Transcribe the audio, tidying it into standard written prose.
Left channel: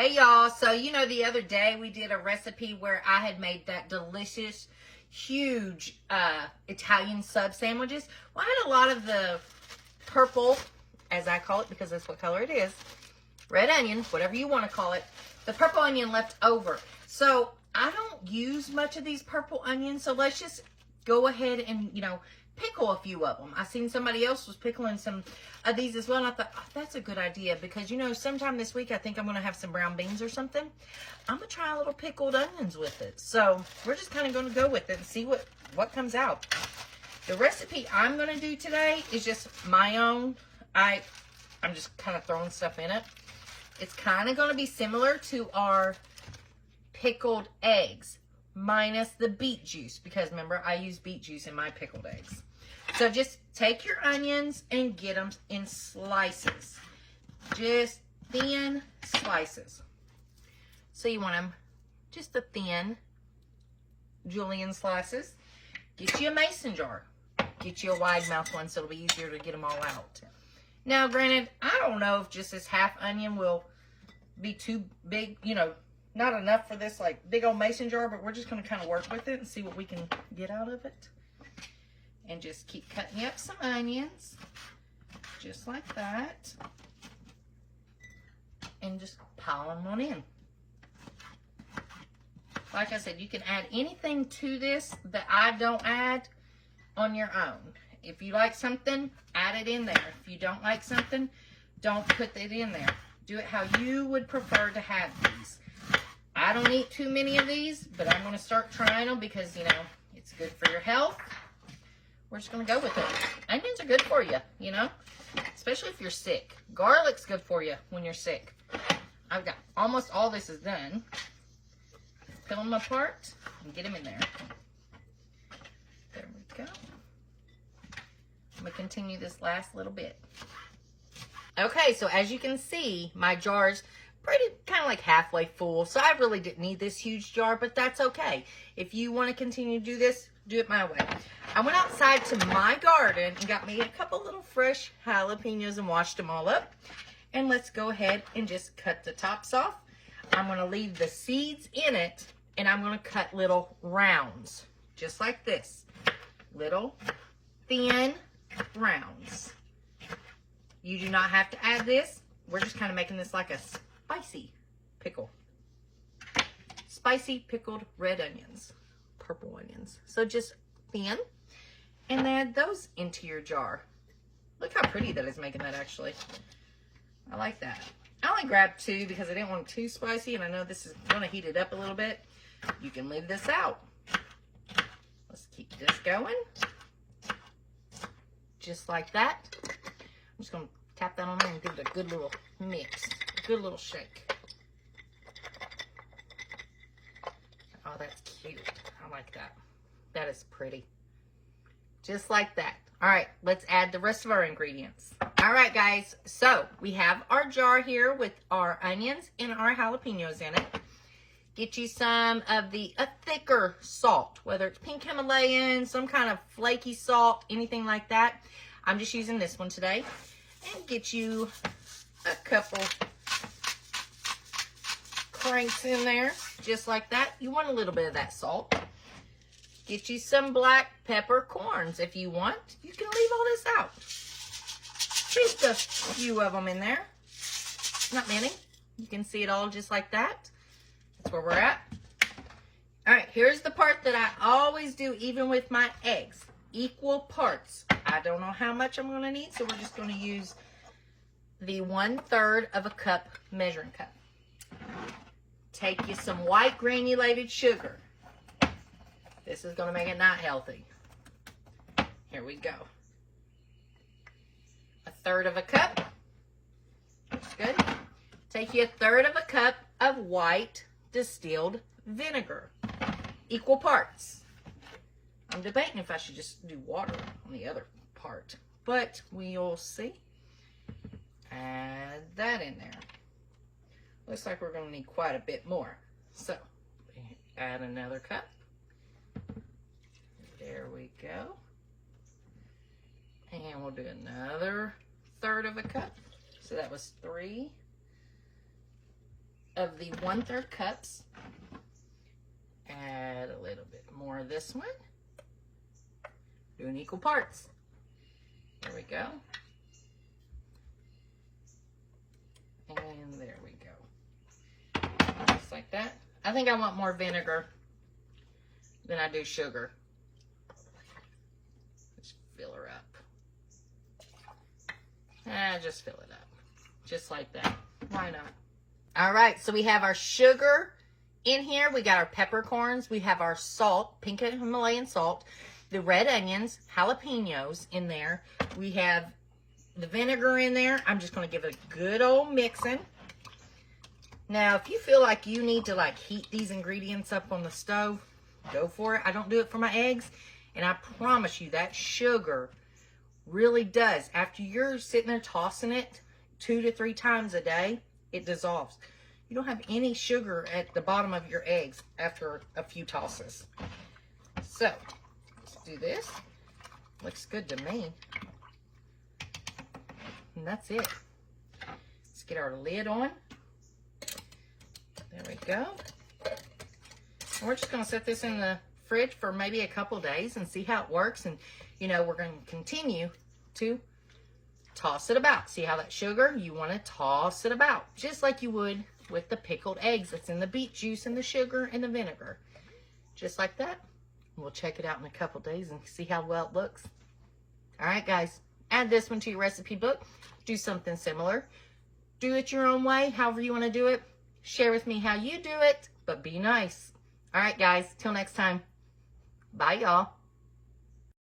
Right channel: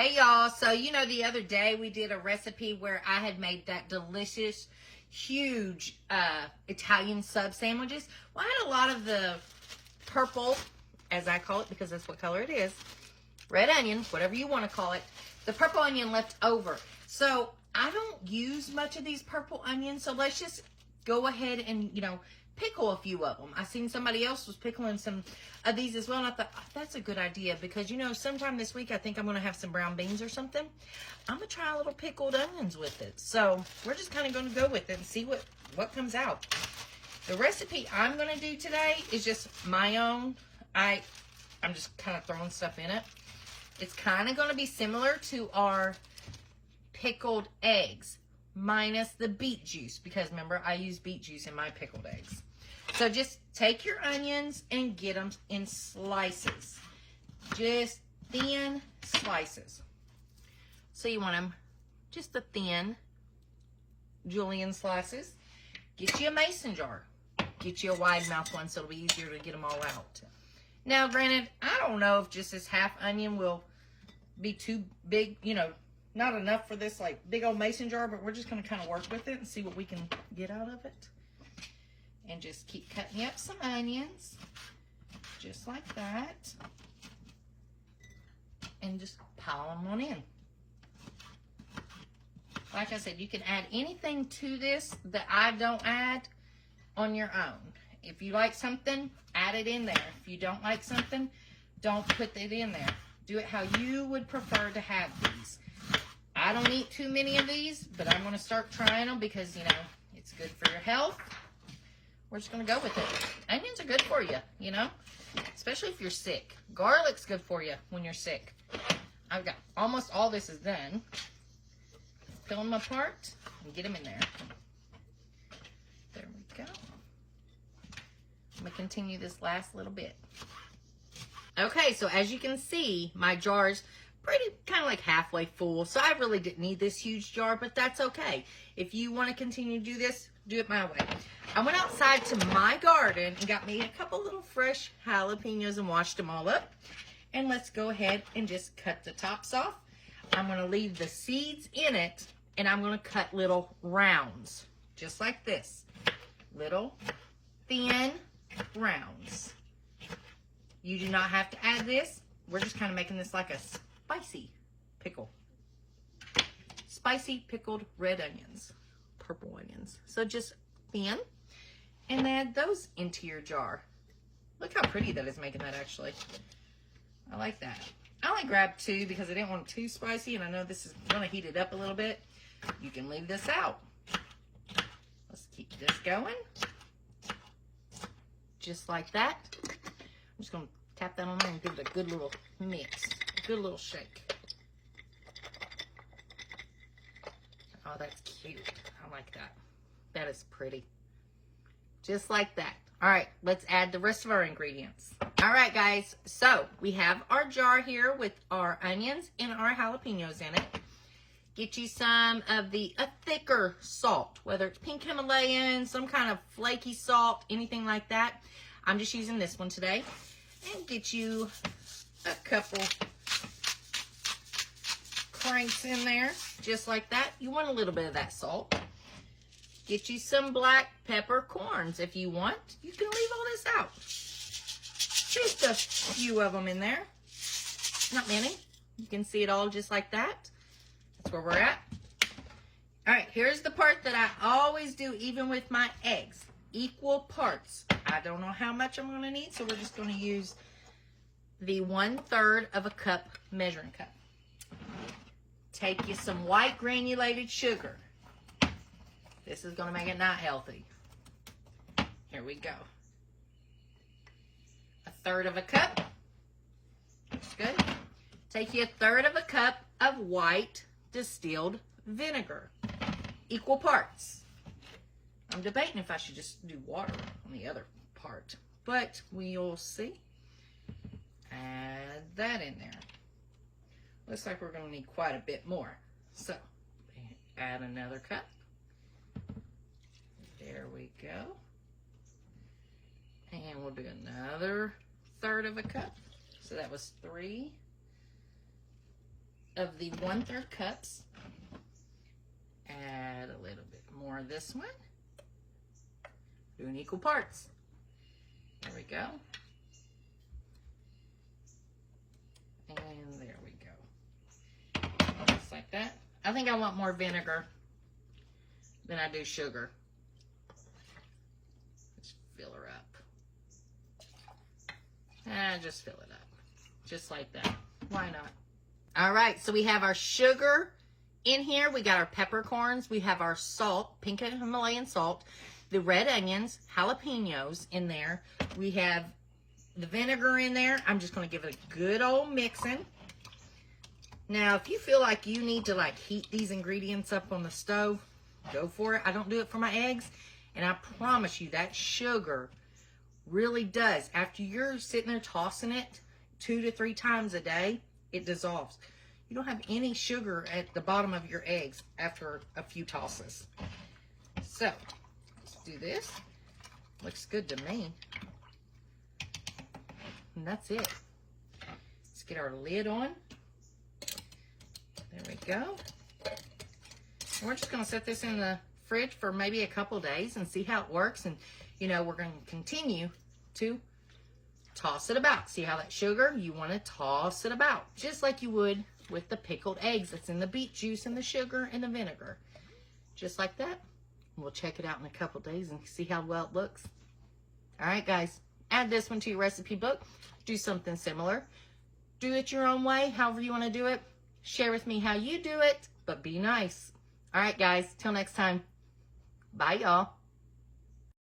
Hey y'all, so you know the other day we did a recipe where I had made that delicious, huge Italian sub sandwiches. Well, I had a lot of the purple, as I call it because that's what color it is, red onion, whatever you want to call it, the purple onion left over. So I don't use much of these purple onions, so let's just go ahead and, you know, pickle a few of them. I seen somebody else was pickling some of these as well, and I thought, oh, that's a good idea because, you know, sometime this week I think I'm going to have some brown beans or something. I'm going to try a little pickled onions with it. So we're just kind of going to go with it and see what comes out. The recipe I'm going to do today is just my own. I'm just kind of throwing stuff in it. It's kind of going to be similar to our pickled eggs, minus the beet juice, because remember, I use beet juice in my pickled eggs. So just take your onions and get them in slices, just thin slices. So you want them just the thin julienne slices. Get you a mason jar. Get you a wide mouth one so it'll be easier to get them all out. Now, granted, I don't know if just this half onion will be too big, you know, not enough for this like big old mason jar, but we're just going to kind of work with it and see what we can get out of it. And just keep cutting up some onions, just like that. And just pile them on in. Like I said, you can add anything to this that I don't add on your own. If you like something, add it in there. If you don't like something, don't put it in there. Do it how you would prefer to have these. I don't eat too many of these, but I'm going to start trying them because, you know, it's good for your health. We're just going to go with it. Onions are good for you, you know, especially if you're sick. Garlic's good for you when you're sick. I've got almost all this is done. Fill them apart and get them in there. There we go. I'm going to continue this last little bit. Okay, so as you can see, my jar's pretty kind of like halfway full, so I really didn't need this huge jar, but that's okay. If you want to continue to do this, do it my way. I went outside to my garden and got me a couple little fresh jalapeños and washed them all up. And let's go ahead and just cut the tops off. I'm going to leave the seeds in it, and I'm going to cut little rounds, just like this. Little thin rounds. You do not have to add this. We're just kind of making this like a spicy pickle. Spicy pickled red onions, purple onions. So just thin, and add those into your jar. Look how pretty that is making that, actually. I like that. I only grabbed 2 because I didn't want it too spicy, and I know this is going to heat it up a little bit. You can leave this out. Let's keep this going. Just like that. I'm just going to tap that on there and give it a good little mix, a good little shake. Oh, that's cute. I like that. That is pretty. Just like that. All right, let's add the rest of our ingredients. All right, guys, so we have our jar here with our onions and our jalapeños in it. Get you some of the thicker salt, whether it's pink Himalayan, some kind of flaky salt, anything like that. I'm just using this one today. And get you a couple cranks in there, just like that. You want a little bit of that salt. Get you some black peppercorns if you want. You can leave all this out. Just a few of them in there. Not many. You can see it all just like that. That's where we're at. All right, here's the part that I always do, even with my eggs. Equal parts. I don't know how much I'm going to need, so we're just going to use the 1/3 of a cup measuring cup. Take you some white granulated sugar. This is going to make it not healthy. Here we go. 1/3 of a cup. That's good. Take you 1/3 of a cup of white distilled vinegar. Equal parts. I'm debating if I should just do water on the other part, but we'll see. Add that in there. Looks like we're going to need quite a bit more. So, add another cup. There we go. And we'll do another 1/3 of a cup. So that was 3 of the 1/3 cups. Add a little bit more of this one. Do in equal parts. There we go. And there we go. Just like that. I think I want more vinegar than I do sugar. Just fill her up. Just fill it up. Just like that. Why not? All right, so we have our sugar in here. We got our peppercorns. We have our salt, pink Himalayan salt, the red onions, jalapeños in there. We have the vinegar in there. I'm just going to give it a good old mixing. Now, if you feel like you need to like heat these ingredients up on the stove, go for it. I don't do it for my eggs. And I promise you that sugar really does. After you're sitting there tossing it 2 to 3 times a day, it dissolves. You don't have any sugar at the bottom of your eggs after a few tosses. So, let's do this. Looks good to me. And that's it. Let's get our lid on. There we go. And we're just going to set this in the fridge for maybe a couple days and see how it works. And, you know, we're going to continue to toss it about. See how that sugar? You want to toss it about just like you would with the pickled eggs. It's in the beet juice and the sugar and the vinegar. Just like that. We'll check it out in a couple days and see how well it looks. All right, guys. Add this one to your recipe book. Do something similar. Do it your own way, however you want to do it. Share with me how you do it, but be nice. All right, guys. Till next time. Bye, y'all.